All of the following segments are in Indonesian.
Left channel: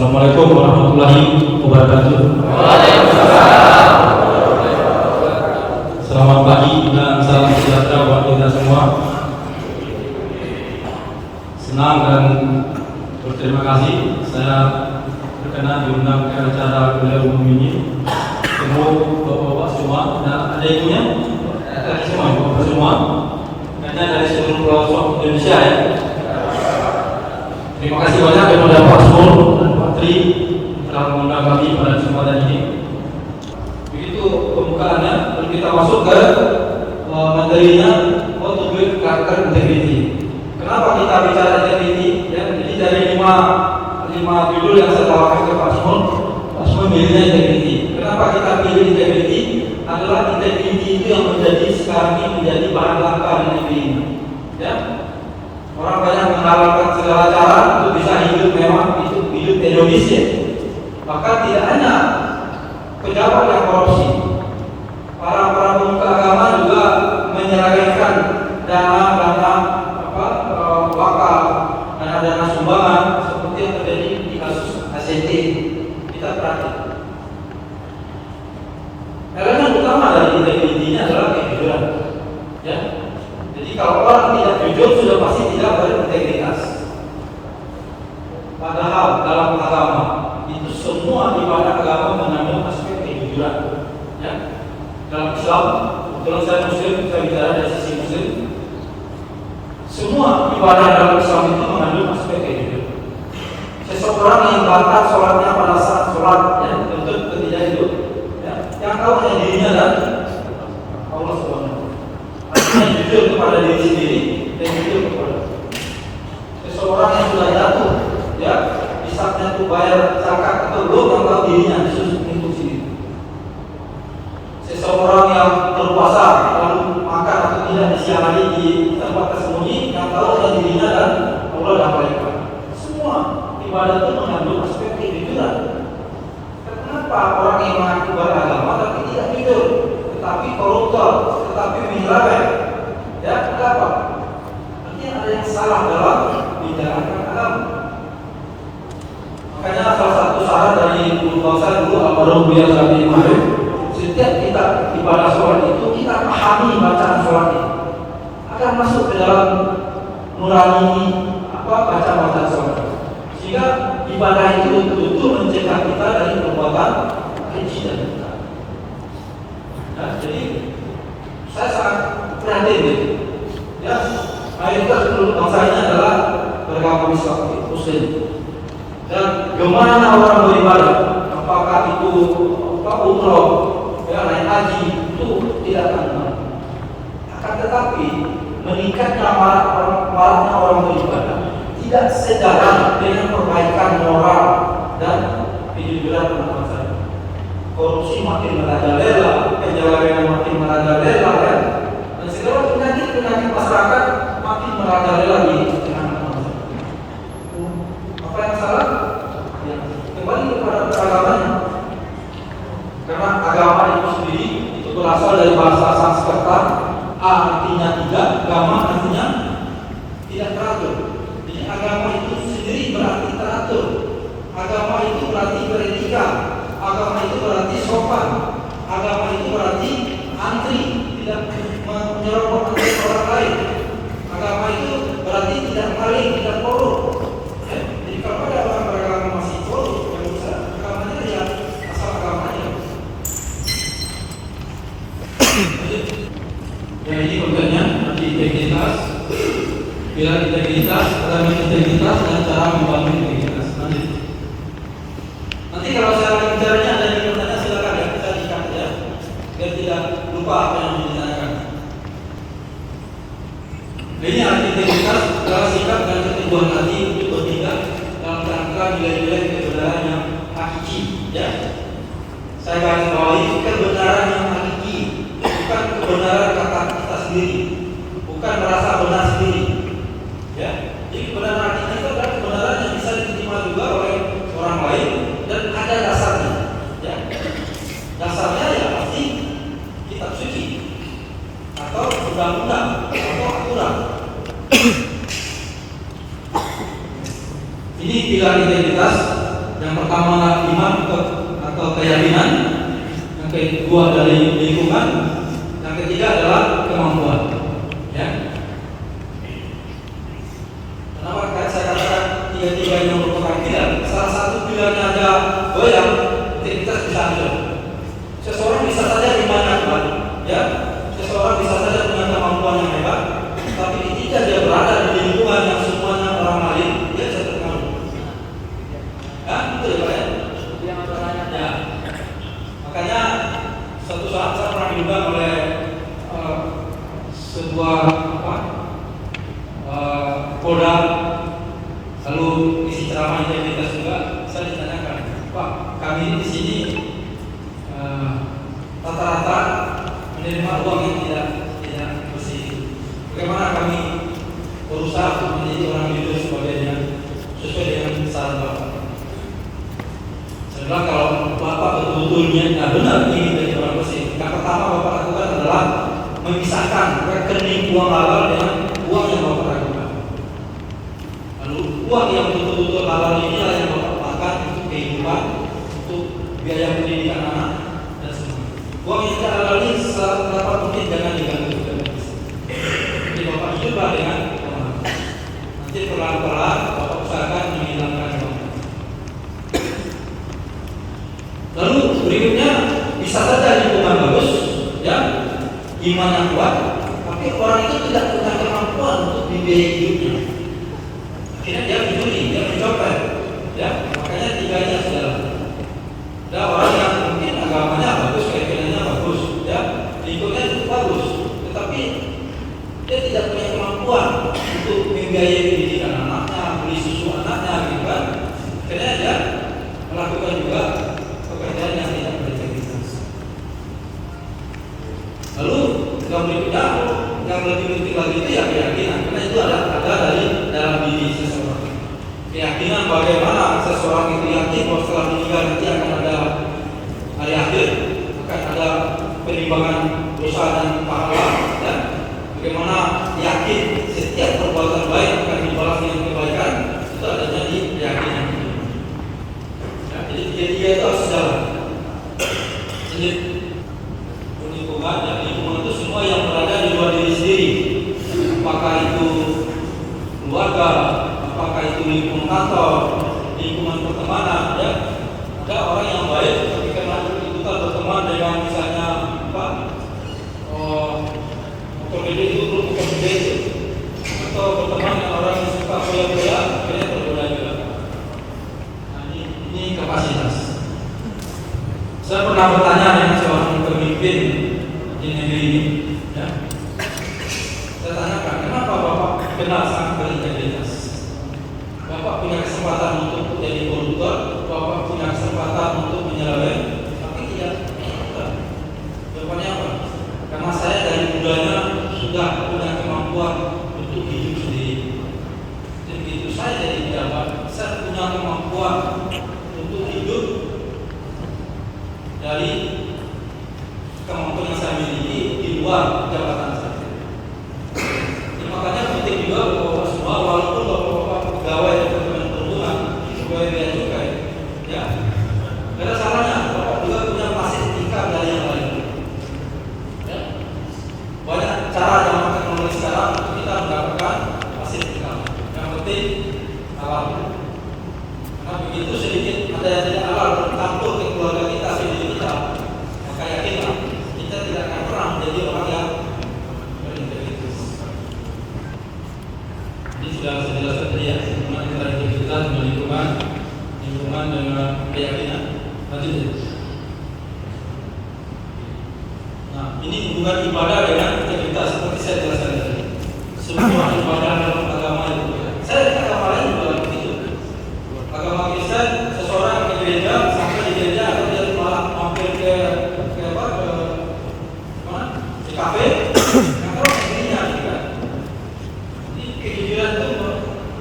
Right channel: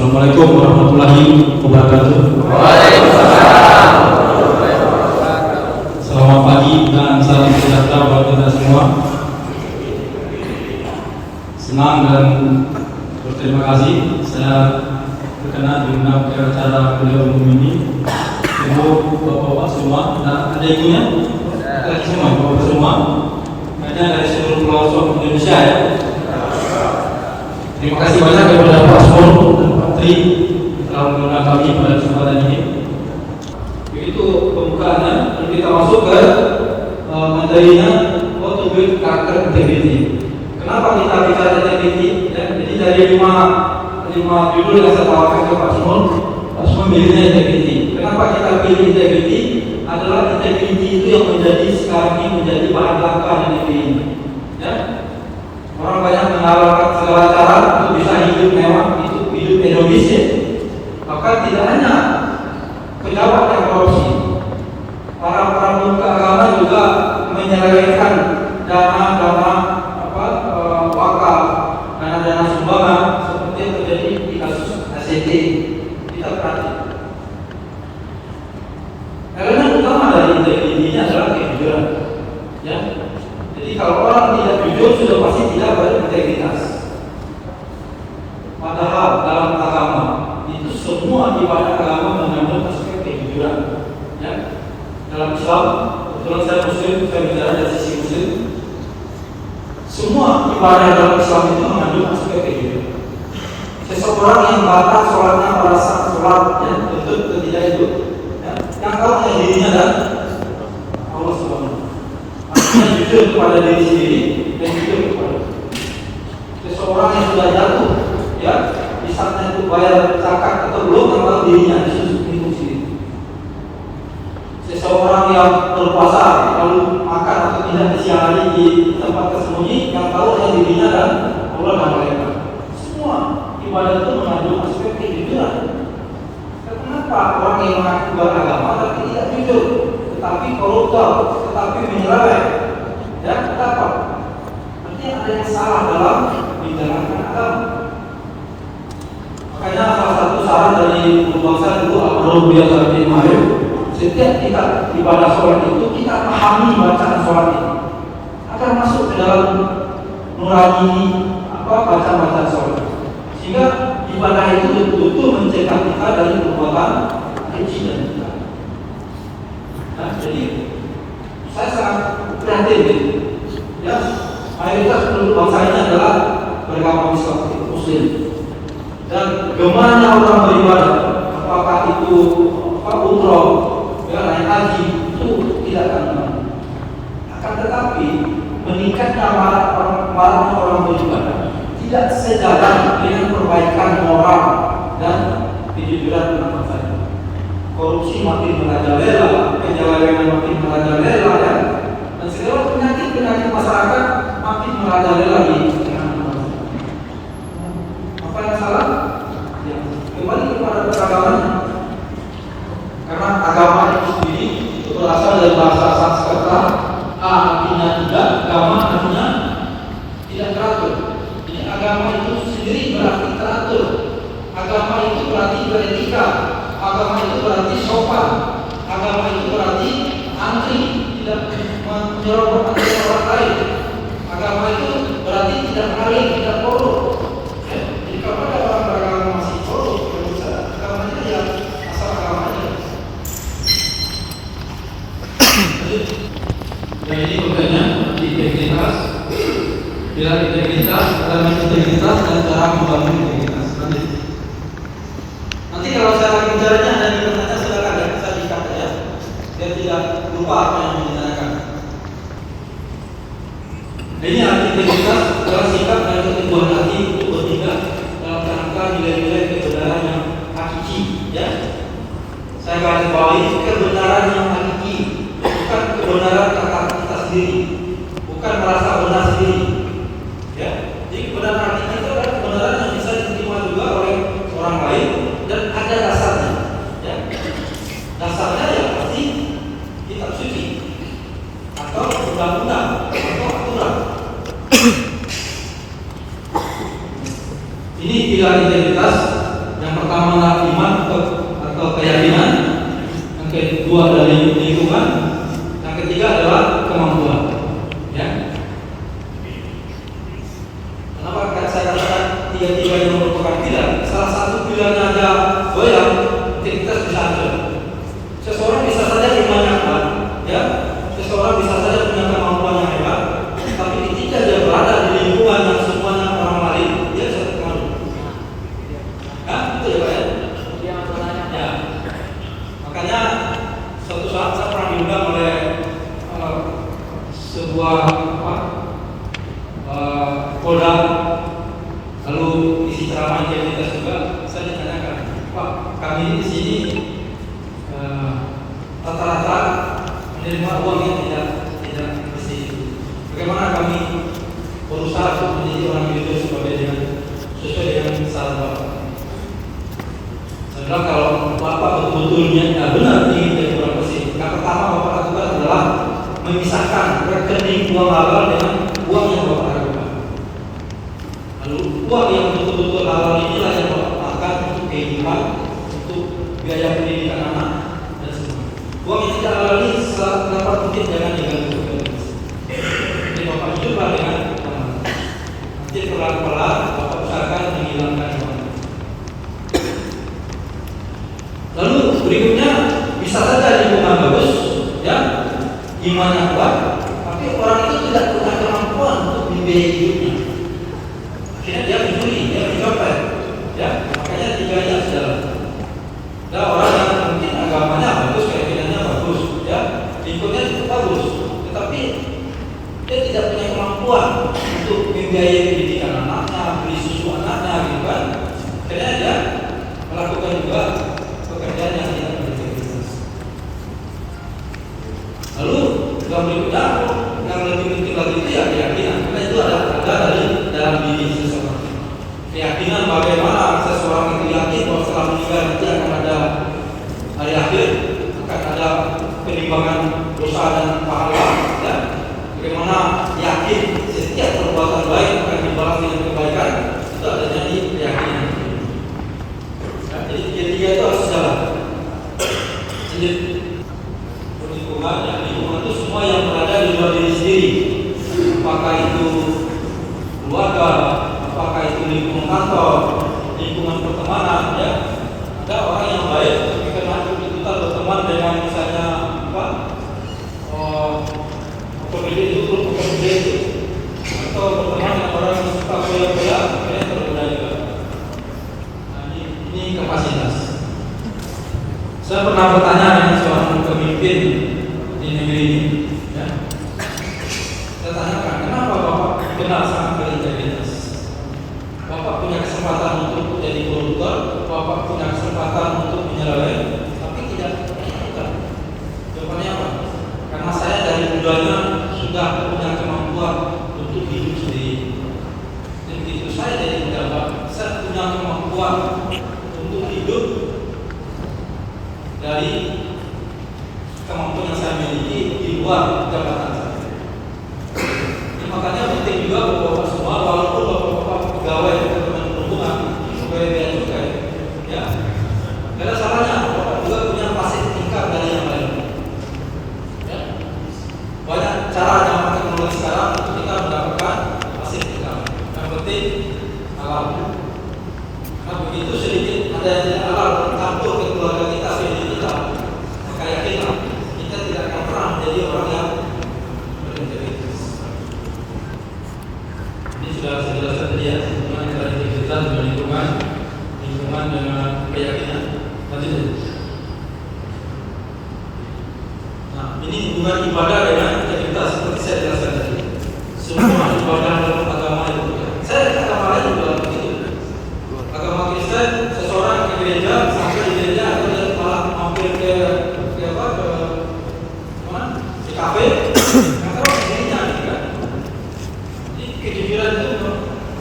Assalamualaikum warahmatullahi wabarakatuh. Waalaikumsalam. Selamat pagi dan salam sejahtera buat kita semua. Senang dan berterima kasih saya berkenan diundang ke acara kuliah umum ini. Semua bapak-bapak semua dan adiknya, lagi semua bapak semua, karena dari seluruh pelosok Indonesia ya. Terima kasih banyak kepada Pak Asmul dan Pak Tri telah mengundang kami pada kesempatan ini. Begitu pembukaannya, kita masuk ke materinya, how to build character integrity. Kenapa kita bicara integrity? Ya, jadi dari lima judul yang saya tawarkan ke Pak Asmul milihnya integrity. Kenapa kita pilih integrity? Adalah integrity itu yang menjadi sekarang ini menjadi bahan bakar di negeri ini. Ya. Orang banyak mengharapkan segala cara untuk bisa hidup mewah, hidup hedonis. Bahkan tidak hanya pejabat yang korupsi, para pemuka agama juga menyelewengkan dana wakaf, dana sumbangan seperti yang terjadi di kasus ACT. Kita perhatikan. Elemen utama dari integriti ini adalah kejujuran. Ya. Jadi kalau orang tidak jujur sudah pasti tidak berintegritas. Padahal dalam agama itu semua ibadah agama mengandung aspek kejujuran. Ya. Dalam Islam, kebetulan saya Muslim, saya bicara dari sisi Muslim. Semua ibadah dalam Islam itu mengandung aspek kejujuran. Seseorang yang batal sholatnya pada saat sholat, ya, tentu tidak itu. Ya. Yang tahu hanya dirinya dan Allah SWT. Artinya jujur kepada diri sendiri dan jujur kepada seseorang yang sudah jatuh, ya, di saatnya untuk bayar zakat atau belum, yang tahu dirinya disusun untuk sendiri. Seseorang yang berpuasa lalu makan atau tidak di siang hari di tempat tersembunyi, yang tahu adalah dirinya dan Allah dan malaikat. Semua ibadah itu mengandung aspek kejujuran. Kenapa orang yang mengaku beragama tapi tidak jujur, tetapi koruptor, tetapi menyeleweng? Ya, kenapa? Nanti ada yang salah dalam menjalankan agama. Makanya salah satu saran dari guru bangsa dulu Almarhum Buya Sabri Ma'arif, setiap kita ibadah sholat itu kita pahami bacaan sholat itu akan masuk ke dalam nurani bacaan sholat, sehingga ibadah itu betul-betul mencegah kita dari perbuatan keji dan kita. Nah, jadi saya sangat prihatin gitu. Ya, mayoritas penduduk bangsa ini adalah beragama Muslim. Dan kemana orang beribadah, apakah itu umroh, ya, naik haji, itu tidak akan menang. Akan tetapi meningkatnya maraknya orang beribadah tidak sejalan dengan perbaikan moral dan kejujuran umat saya. Korupsi makin merajalela, penyelewengan makin merajalela, ya, dan segala penyakit masyarakat makin merajalela di tengah manusia. Apa yang salah? Ya, kembali kepada peragaman. Karena agama itu sendiri itu berasal dari bahasa Sanskerta. A artinya tidak, agama artinya tidak teratur. Jadi agama itu sendiri berarti teratur. Agama itu berarti beretika. Agama itu berarti sopan. Agama itu berarti antri, tidak menyerobot antri orang lain. Agama itu berarti tidak maling, tidak korup. Jadi kalau ada orang beragama masih korup, kalau bisa agamanya ya asal agamanya. Ya, ini kontennya nanti integritas. Bila integritas, dalam integritas dan cara membangun integritas. Nanti kalau saya bicaranya ada yang bertanya, silakan ya, saya dikat ya, biar tidak lupa apa yang ditanyakan. Ini arti integritas adalah sikap dan keteguhan hati untuk bertindak dalam kerangka nilai-nilai kebenaran yang hakiki. Ya, saya garis bawahi kebenaran yang hakiki, bukan kebenaran kata kita sendiri, bukan merasa benar sendiri. Ya, jadi kebenaran hakiki itu adalah kebenaran yang bisa diterima juga oleh orang lain dan ada dasarnya. Ya, dasarnya ya pasti kitab suci atau undang-undang atau aturan. Ini pilar integritas yang natural. Seseorang bisa saja imannya kuat, ya. Seseorang bisa saja punya kemampuan yang hebat, tapi ketika dia berada di lingkungan yang semuanya orang lain, dia bisa terpengaruh. Betul ya, Pak ya? Ya. Makanya suatu saat saya pernah diundang oleh sebuah Polda, lalu isi ceramah integritas juga. Saya ditanyakan, Pak, kami di sini rata-rata menerima uang yang tidak bersih. Bagaimana kami berusaha untuk menjadi orang jujur sesuai dengan saran Bapak? Saya bilang kalau Bapak betul-betul benar ingin menjadi orang bersih, yang pertama Bapak lakukan adalah memisahkan rekening uang halal dengan uang yang Bapak lakukan. Lalu uang yang betul-betul halal inilah yang Bapak pakai untuk kehidupan, untuk biaya pendidikan anak dan semua. Uang yang tidak halal ini dapat mungkin jangan diganggu. Jadi Bapak coba dengan nanti perlahan-lahan Bapak usahakan menghilangkan uang. Lalu berikutnya bisa saja lingkungan bagus, ya, iman yang kuat, tapi orang itu tidak punya kemampuan untuk membiayai hidupnya. Akhirnya dia mencuri, dia mencopet, ya, makanya tiga itu adalah. Ya, orang yang mungkin agamanya bagus, keyakinannya bagus, ya, lingkungannya cukup bagus, tetapi dia tidak punya kemampuan untuk membiayai pendidikan anaknya, beli susu anaknya, gitu kan. Akhirnya dia melakukan juga pekerjaan yang tidak berintegritas. Lalu yang berikutnya, yang lebih penting lagi itu ya keyakinan, karena itu ada dari dalam diri seseorang. Keyakinan bagaimana seseorang itu yakin bahwa setelah meninggal nanti akan ada hari akhir, akan ada penimbangan dosa dan pahala, ya. Bagaimana yakin setiap perbuatan baik akan dibalas dengan kebaikan, itu adanya di keyakinan. Jadi dia itu harus jalan. Jadi lingkungan, ya, lingkungan itu semua yang berada di luar diri sendiri. Apakah itu keluarga, apakah itu lingkungan kantor, lingkungan pertemanan, ya. Ada orang yang baik ketika kita berteman dengan misalnya pekerja itu, atau berteman dengan orang yang suka bola-bola, kayaknya berbeda juga. Nah, ini kapasitas. Saya pernah bertanya dengan seorang pemimpin di negeri ini, ya. Saya tanyakan, kenapa Bapak kenal sangat berintegritas? Bapak punya kesempatan untuk jadi koruptor, Bapak punya kesempatan untuk menyeleweng, tapi tidak melakukan. Jawabannya apa? Karena saya dari mudanya sudah punya kemampuan untuk hidup sendiri. Dan begitu saya jadi pejabat, saya punya kemampuan untuk hidup dari kemampuan yang saya miliki di luar jabatan saya. Makanya penting juga bahwa semua, walaupun bapak-bapak pegawai Kementerian Perhubungan, pegawai bea cukai, ya, tidak ada salahnya bapak juga punya pasif tingkat dari yang lain. Ya. Banyak cara dalam teknologi sekarang untuk kita mendapatkan pasif tingkat. Yang penting halal. Karena begitu sedikit ada yang tidak halal mencampur ke keluarga kita, sendiri kita, maka yakinlah kita tidak akan pernah menjadi orang yang berintegritas. Ini sudah saya jelaskan tadi, ya, hubungan antara integritas dengan lingkungan dengan keyakinan. Lanjut. Nah, ini hubungan ibadah dengan integritas seperti saya jelaskan tadi. Semua ibadah dalam agama itu. Saya di agama lain juga begitu. Agama Kristen, seseorang ke gereja, sampai di gereja atau dia malah mampir ke mana? Di kafe. Nah, kalau dirinya, kan? Kejujuran itu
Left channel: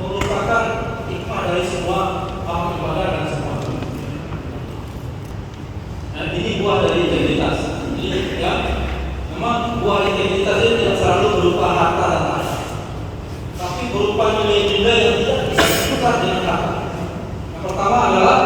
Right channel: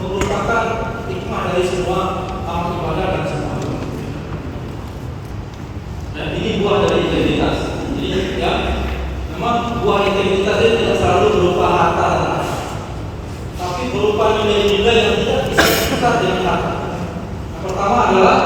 merupakan hikmah dari semua amal ibadah dan semua. Dan ini buah dari integritas. Jadi, ya, memang buah integritas ini tidak selalu berupa harta dan aset, tapi berupa nilai-nilai yang tidak bisa ditukar dengan harta. Yang pertama adalah